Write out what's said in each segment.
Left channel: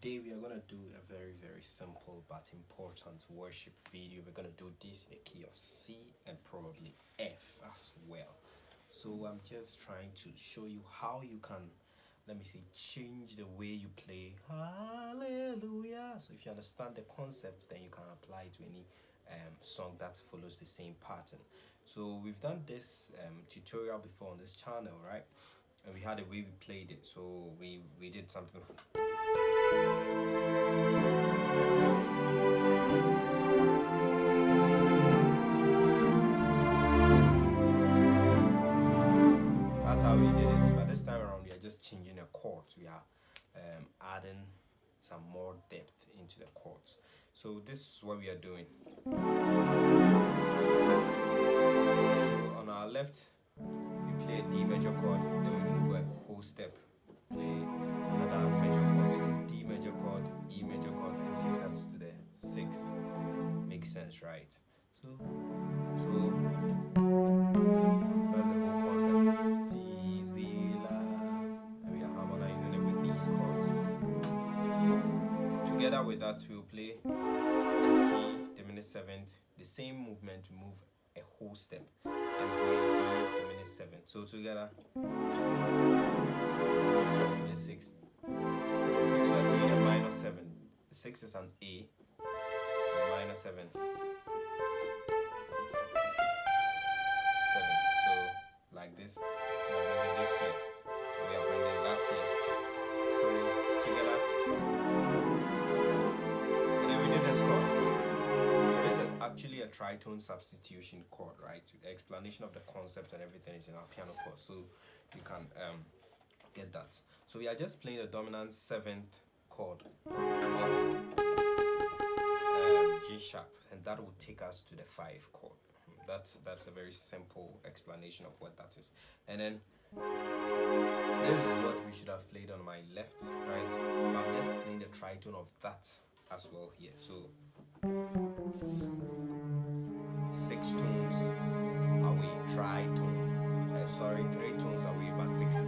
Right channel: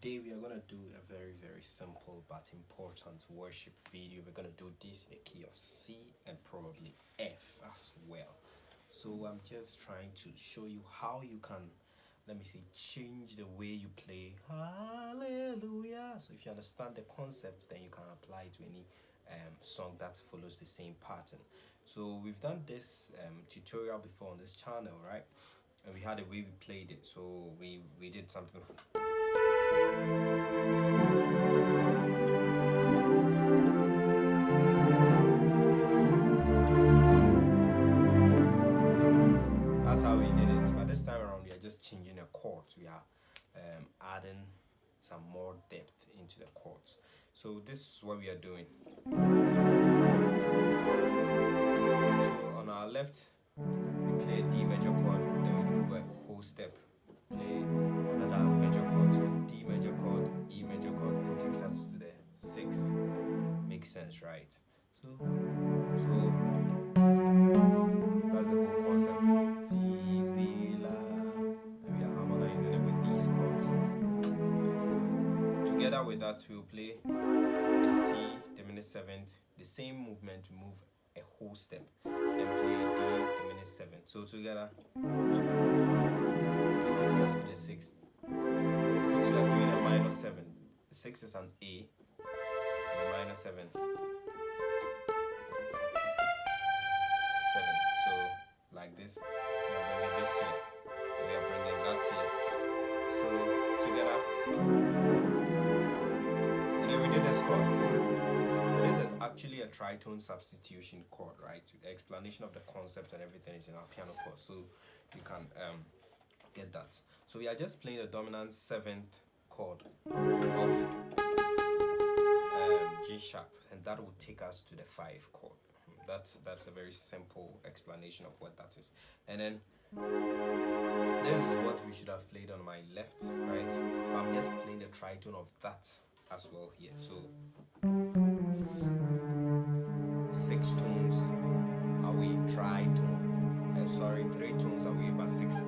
Today we are going to do a very simple but important worship video. We're going to do this in the key of C and probably F as well. So I'm just trying to show you how you can, let me say, change the way you play hallelujah. So if you understand the concept, then you can apply it to any song that follows the same pattern. So we've done this tutorial before on this channel, right? And we had a way we played it. So we did something. That's how we did it. But this time around, we are just changing the chords. We are adding some more depth into the chords. So this is what we are doing. So on our left, we play a D major chord, then we move a whole step, play another major chord, so D major chord, E major chord, and takes us to the 6. Makes sense, right? So that's the whole concept. Fizila, and we are harmonizing it with these chords. Together with that, we'll play a C diminished 7th, the same movement to move a whole step, and play a D diminished 7th. So together, it takes us to the 6. The 6 we are doing a minor 7. The 6 is an A, and a minor 7. 7. So like this, we are bringing this here, and we are bringing that here. So together, and then we did this chord. It is actually a tritone substitution chord, right? The explanation of the concept and everything is in our piano course, so you can get that. So we are just playing the dominant 7th chord of G sharp, and that will take us to the 5 chord. That's a very simple explanation of what that is. And then this is what we should have played on my left, right? But I'm just playing the tritone of that as well here. So 6 tones away, tritone. 3 tones away, but 6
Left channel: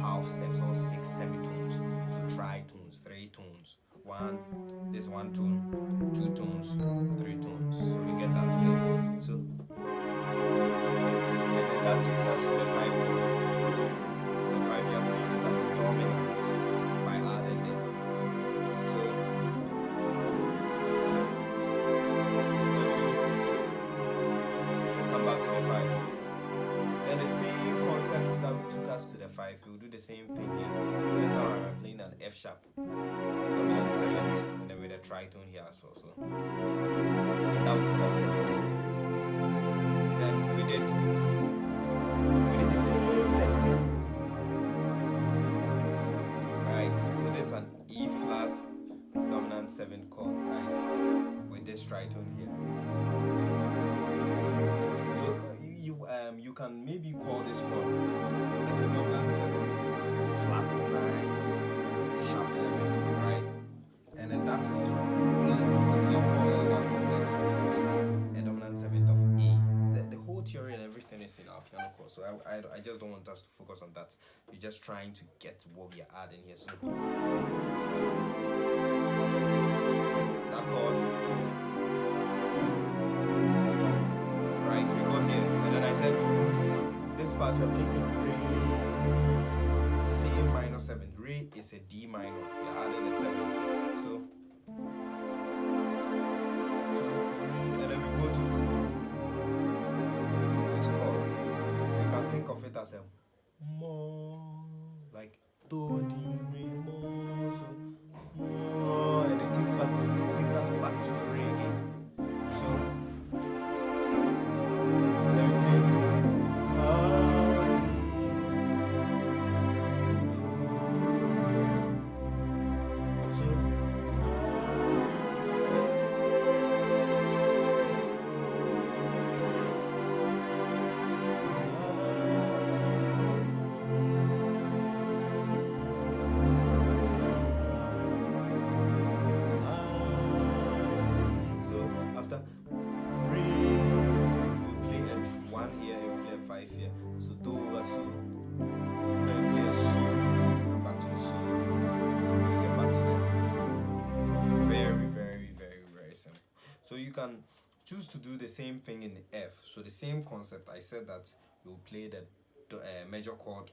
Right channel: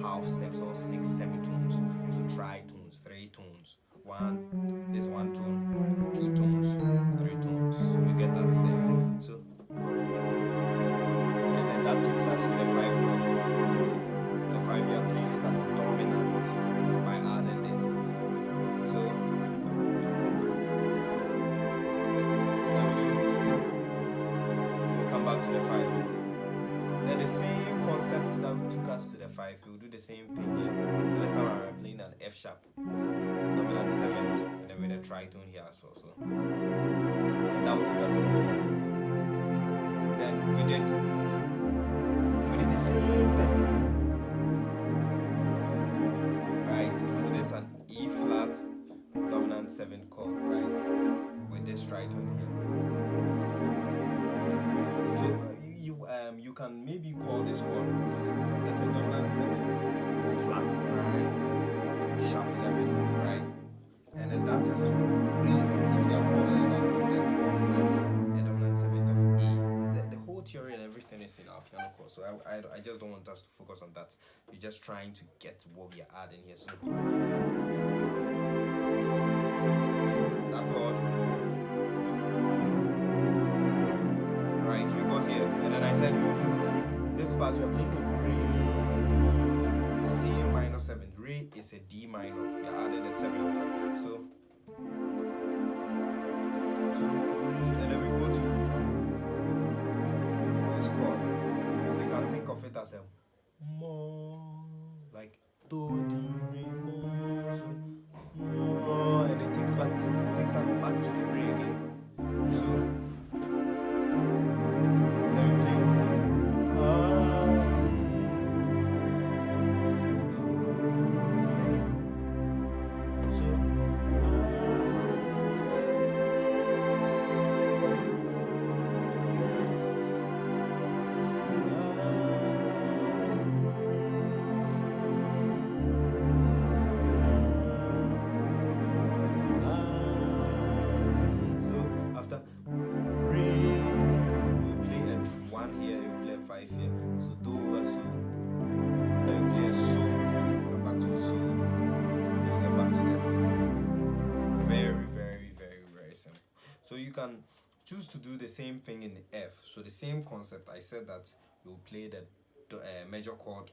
half steps or 6 semitones. So tritones, 3 tones. This 1 tone, 2 tones, 3 tones. So we get that there. So and then that takes us to the 5 chord. The 5 we are playing it as a dominant by adding this. So come back to the 5. Then the same concept that we took us to the 5, we'll do the same thing here. So this time I'm playing an F sharp, dominant 7th, and then with a tritone here as well. So and that will take us to the 4. Then we did the same thing. Right, so there's an E flat dominant 7 chord, right? With this tritone here. So you can maybe call this chord as a dominant 7 flat 9 sharp 11, right? And then that is E. If you are calling it that chord, then it's a dominant 7th of E. The whole theory and everything is in our piano course, so I just don't want us to focus on that. We're just trying to get what we are adding here. So that chord. Right, we go here, and then I said we'll do this part. We're playing the Re, the same minor 7th. Re is a D minor. We're adding a 7th. So and then we go to this chord. So you can think of it as a Mo, like Do, Di, Re, Mo. So Mo, and it takes us back to the Re again. So then we play so So you can choose to do the same thing in F. So the same concept. I said that we'll play the major chord.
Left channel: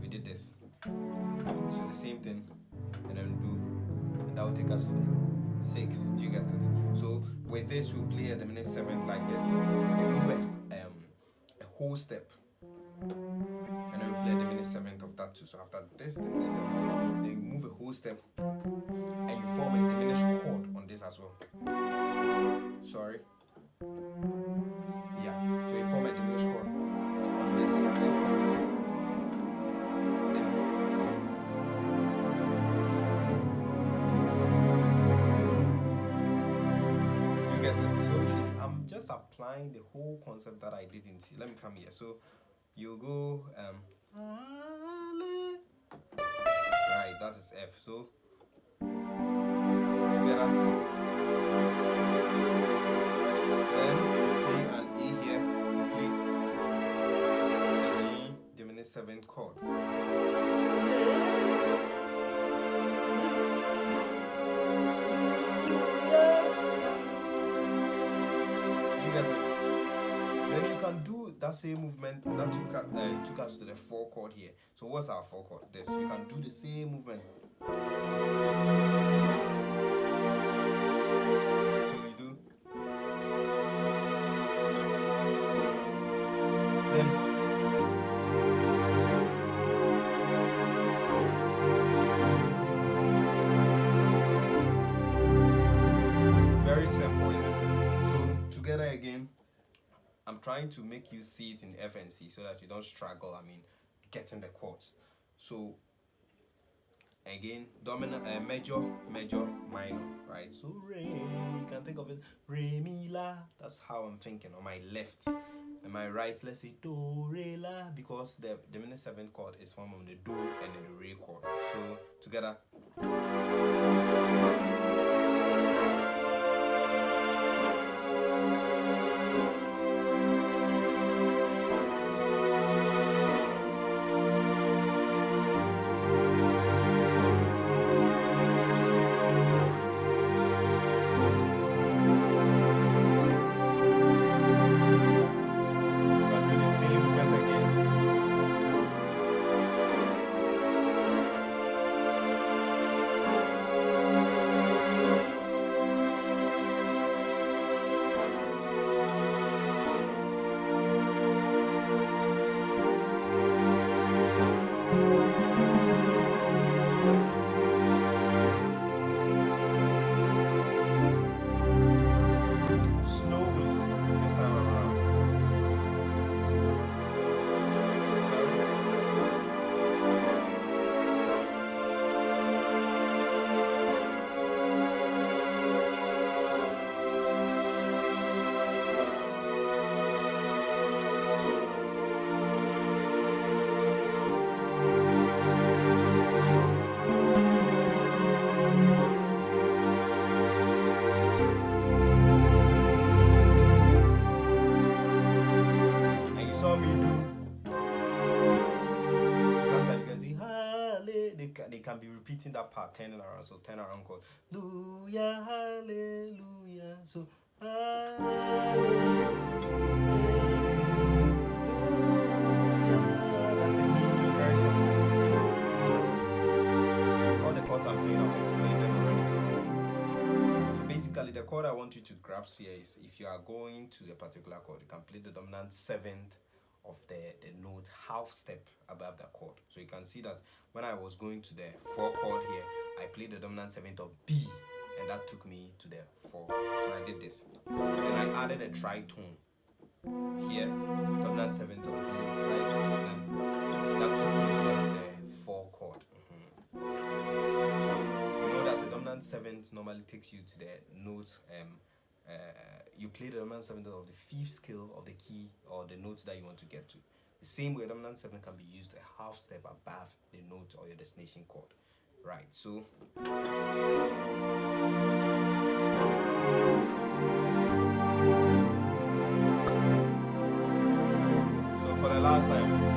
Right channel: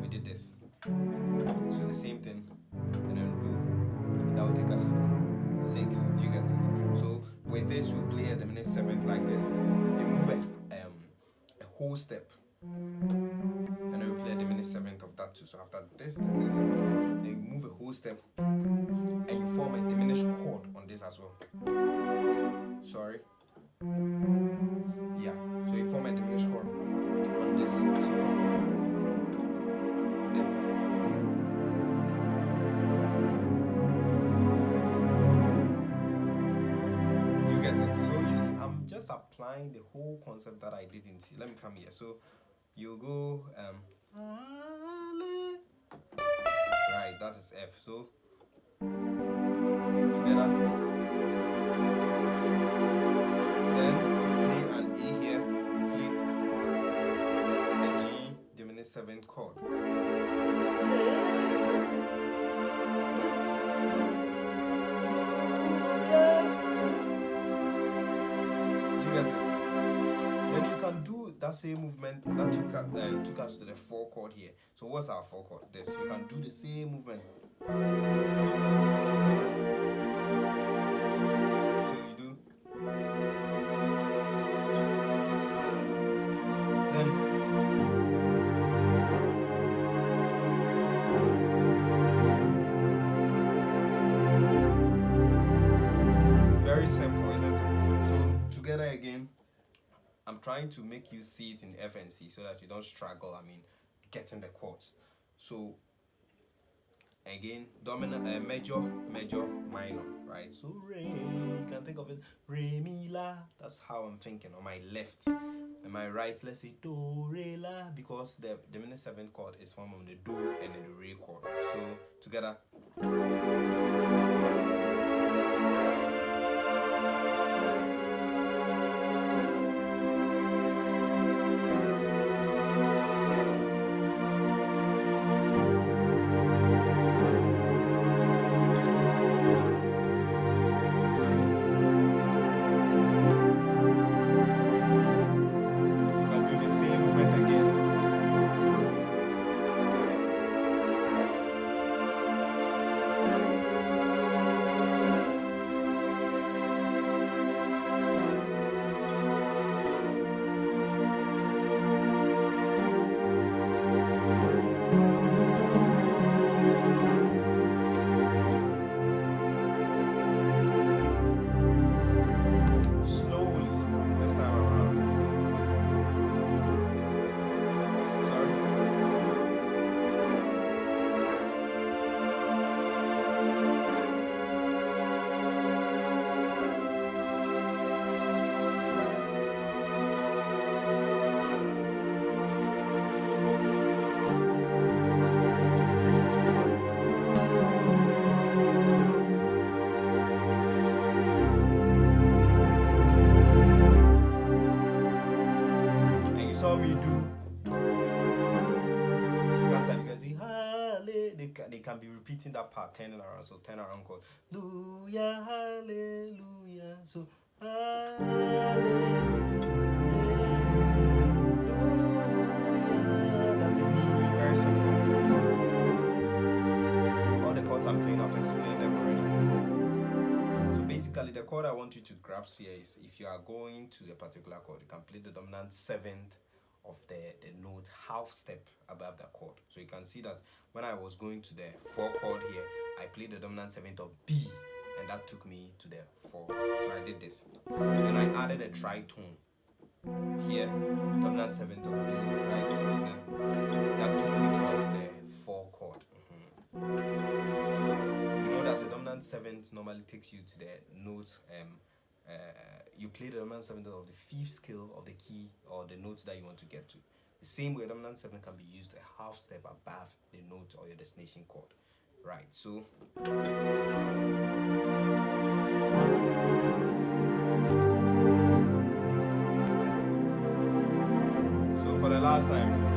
We did this. So the same thing, and then do, and that will take us to the 6. Do you get it? So with this, we'll play a diminished 7th like this. You move a whole step, and then we play a diminished 7th of that too. So after this diminished 7th, then you move a whole step, and you form a diminished chord on this as well. Sorry. Yeah. So you form a diminished chord on this. So from then you get it. So you see, I'm just applying the whole concept that I did in C. Let me come here. So you go right, that is F. So together, then you play an A here, you play a G diminished 7th chord. Do you get it? Then you can do that same movement that took us to the 4 chord here. So what's our 4 chord? This. You can do the same movement. So you do. Then very simple, isn't it? So together again, I'm trying to make you see it in F and C so that you don't struggle, getting the chords. So again, dominant, major, minor, right? So re, you can think of it, re, mi, la. That's how I'm thinking on my left. And my right, let's say do, re, la, because the diminished 7th chord is formed on the do and then the re chord. So together. Saw me do. So sometimes you can see they can be repeating that part, turning around. So turn around, called hallelujah, hallelujah. So hallelujah, that's a me, very simple. All the chords I'm playing, I've explained them already. So basically, the chord I want you to grasp here is if you are going to a particular chord, you can play the dominant 7th of the note half step above the chord. So you can see that when I was going to the 4 chord here, I played the dominant 7th of B, and that took me to the 4. So I did this, and I added a tritone here, dominant 7th of B, right, and then that took me towards the 4 chord. You know that the dominant 7th normally takes you to the note. You play the dominant 7th of the 5th scale of the key or the note that you want to get to. The same way, dominant 7 can be used a half step above the note or your destination chord. Right, so for the last time.